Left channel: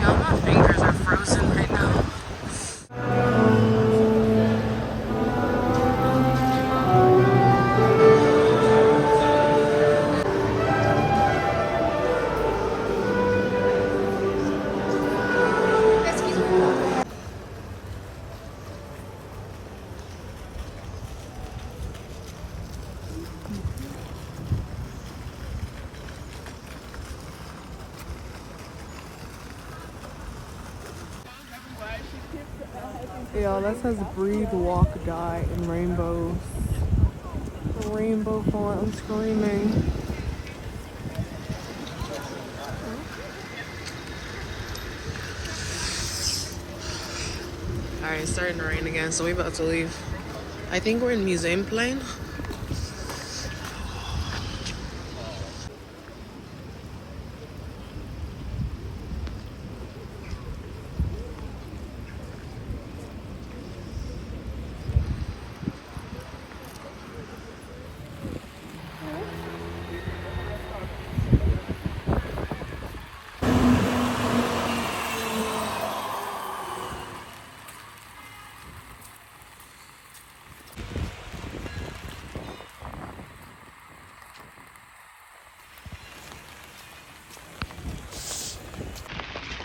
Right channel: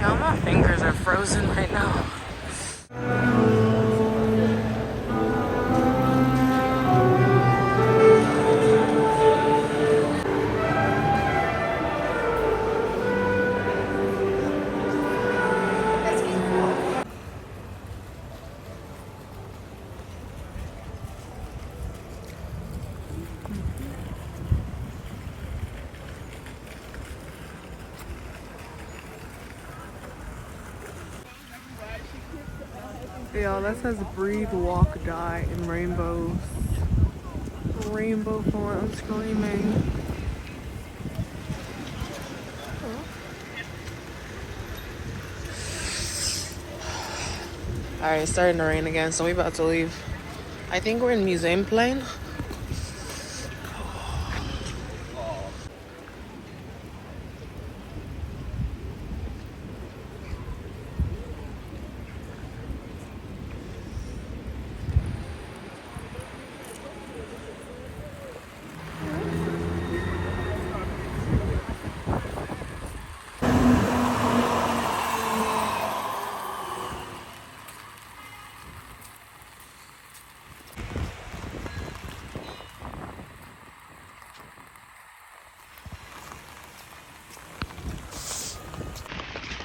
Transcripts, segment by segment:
Yeah, my fingers are frozen right now. Yeah, that says breathe, walk, die in rainbows. Rainbow font, I'm screaming. Alright, it's starting to rain again, so we about to leave. I think we're in Museum Plane.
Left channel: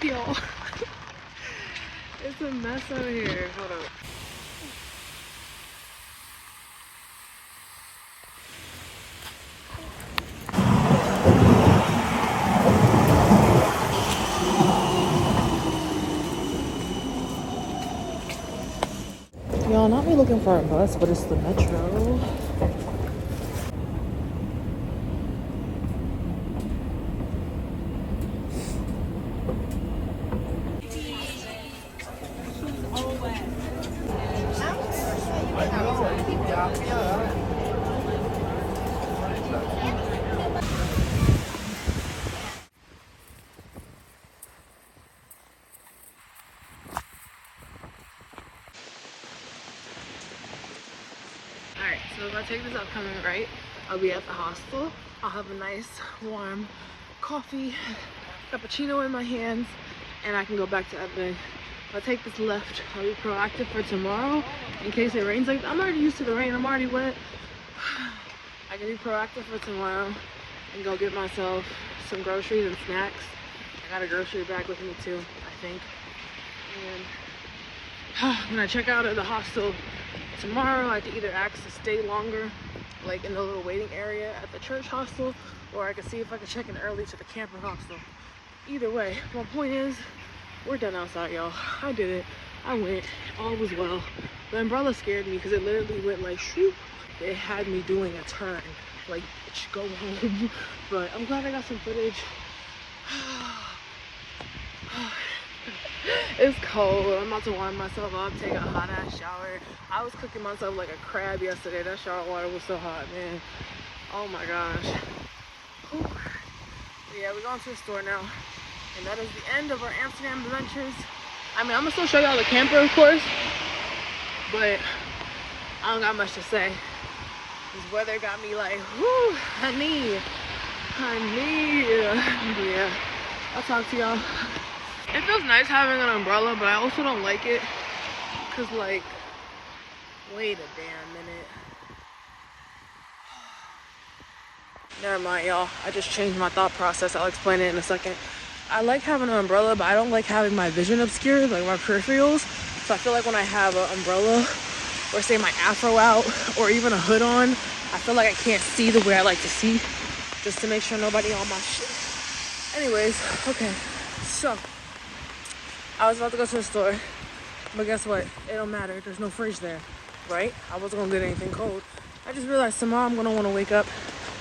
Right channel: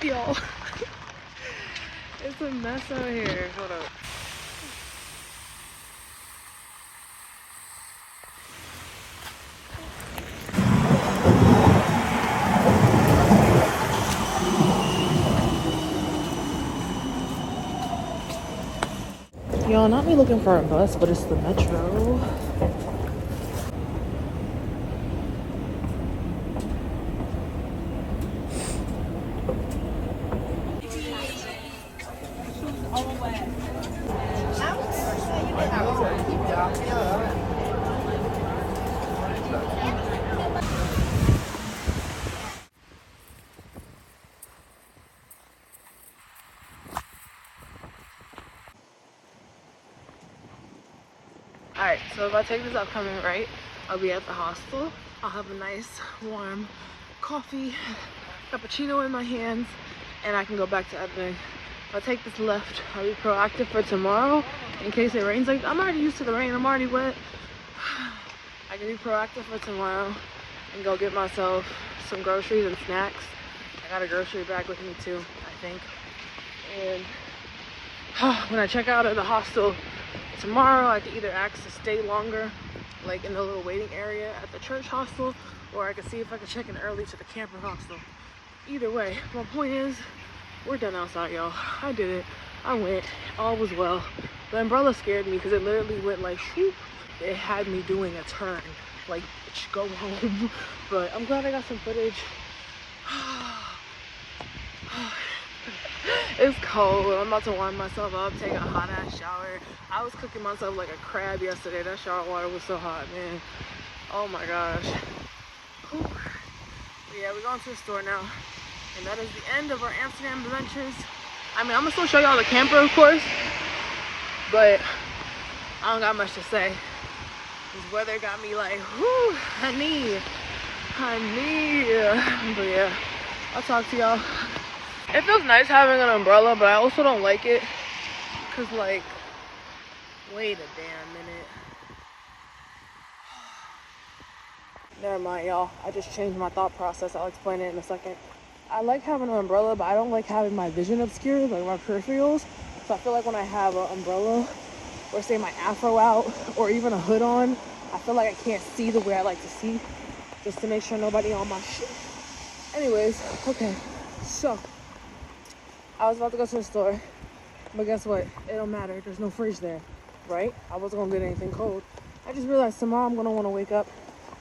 Yo, it's a mess out here. Hold up. Y'all, not me looking for a bus, but it's the metro. Alright, so if I take this upcoming right, I'll be at the hostel. I'll have a nice warm coffee, cappuccino in my hands, and I can go back to Ebony. If I take this left, I'll be proactive for tomorrow in case it rains. Like, I'm already used to the rain, I'm already wet. I can be proactive for tomorrow and go get myself some groceries and snacks. I got a grocery bag with me too, I think. And when I check out of the hostel tomorrow, I can either ask to stay longer, like in the little waiting area at the church hostel, or I can see if I can check in early to the camper hostel. Either way, my point is, we're done outside, y'all. I did it. I went. All was well. The umbrella scared me because it literally went like shoop. It had me doing a turn. Like, bitch, go home. But I'm glad I got some footage. It's cold. I'm about to warm myself up, take a hot ass shower. I was cooking myself like a crab yesterday. That shower water was so hot, man. Oh my gosh. Whew. But yeah, we're going to the store now. And that is the end of our Amsterdam adventures. I mean, I'm gonna still show y'all the camper, of course. But I don't got much to say. This weather got me like, whoo, honey. But yeah, I'll talk to y'all. It feels nice having an umbrella, but I also don't like it. Cause like, wait a damn minute. Never mind, y'all. I just changed my thought process. I'll explain it in a second. I like having an umbrella, but I don't like having my vision obscured, like my peripherals. So I feel like when I have an umbrella, or say my afro out, or even a hood on, I feel like I can't see the way I like to see, just to make sure nobody on my shit. Anyways, okay, so I was about to go to the store, but guess what? It don't matter. There's no fridge there, right? I wasn't gonna get anything cold. I just realized tomorrow I'm gonna want to wake up,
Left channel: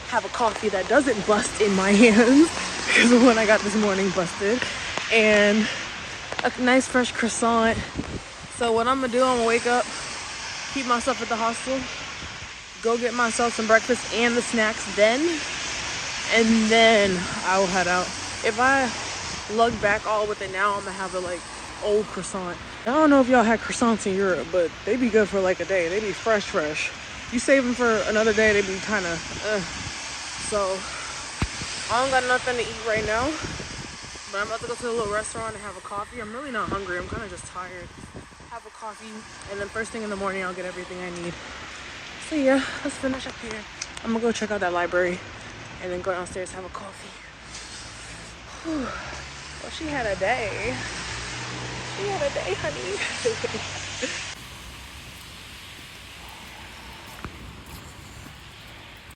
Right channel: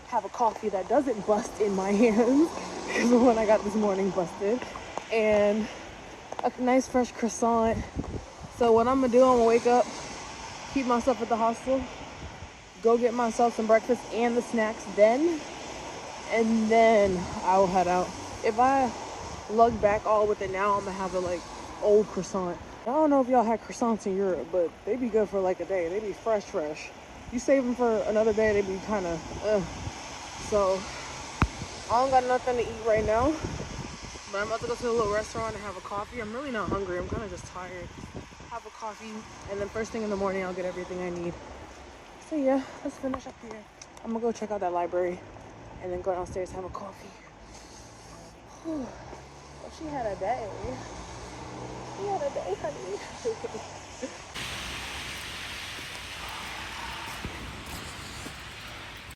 have a coffee that doesn't bust in my hands, because the one I got this morning busted, and a nice fresh croissant. So what I'm gonna do, I'm gonna wake up, keep myself at the hostel, go get myself some breakfast and the snacks then, and then I'll head out. If I lug back all with it now, I'm gonna have a like old croissant. I don't know if y'all had croissants in Europe, but they be good for like a day. They be fresh. You save them for another day, they be kind of So I don't got nothing to eat right now, But I'm about to go to the little restaurant and have a coffee. I'm really not hungry. I'm kind of just tired. Have a coffee, and then first thing in the morning, I'll get everything I need. So yeah, let's finish up here. I'm gonna go check out that library and then go downstairs, have a coffee. Whew. Well, she had a day. She had a day, honey.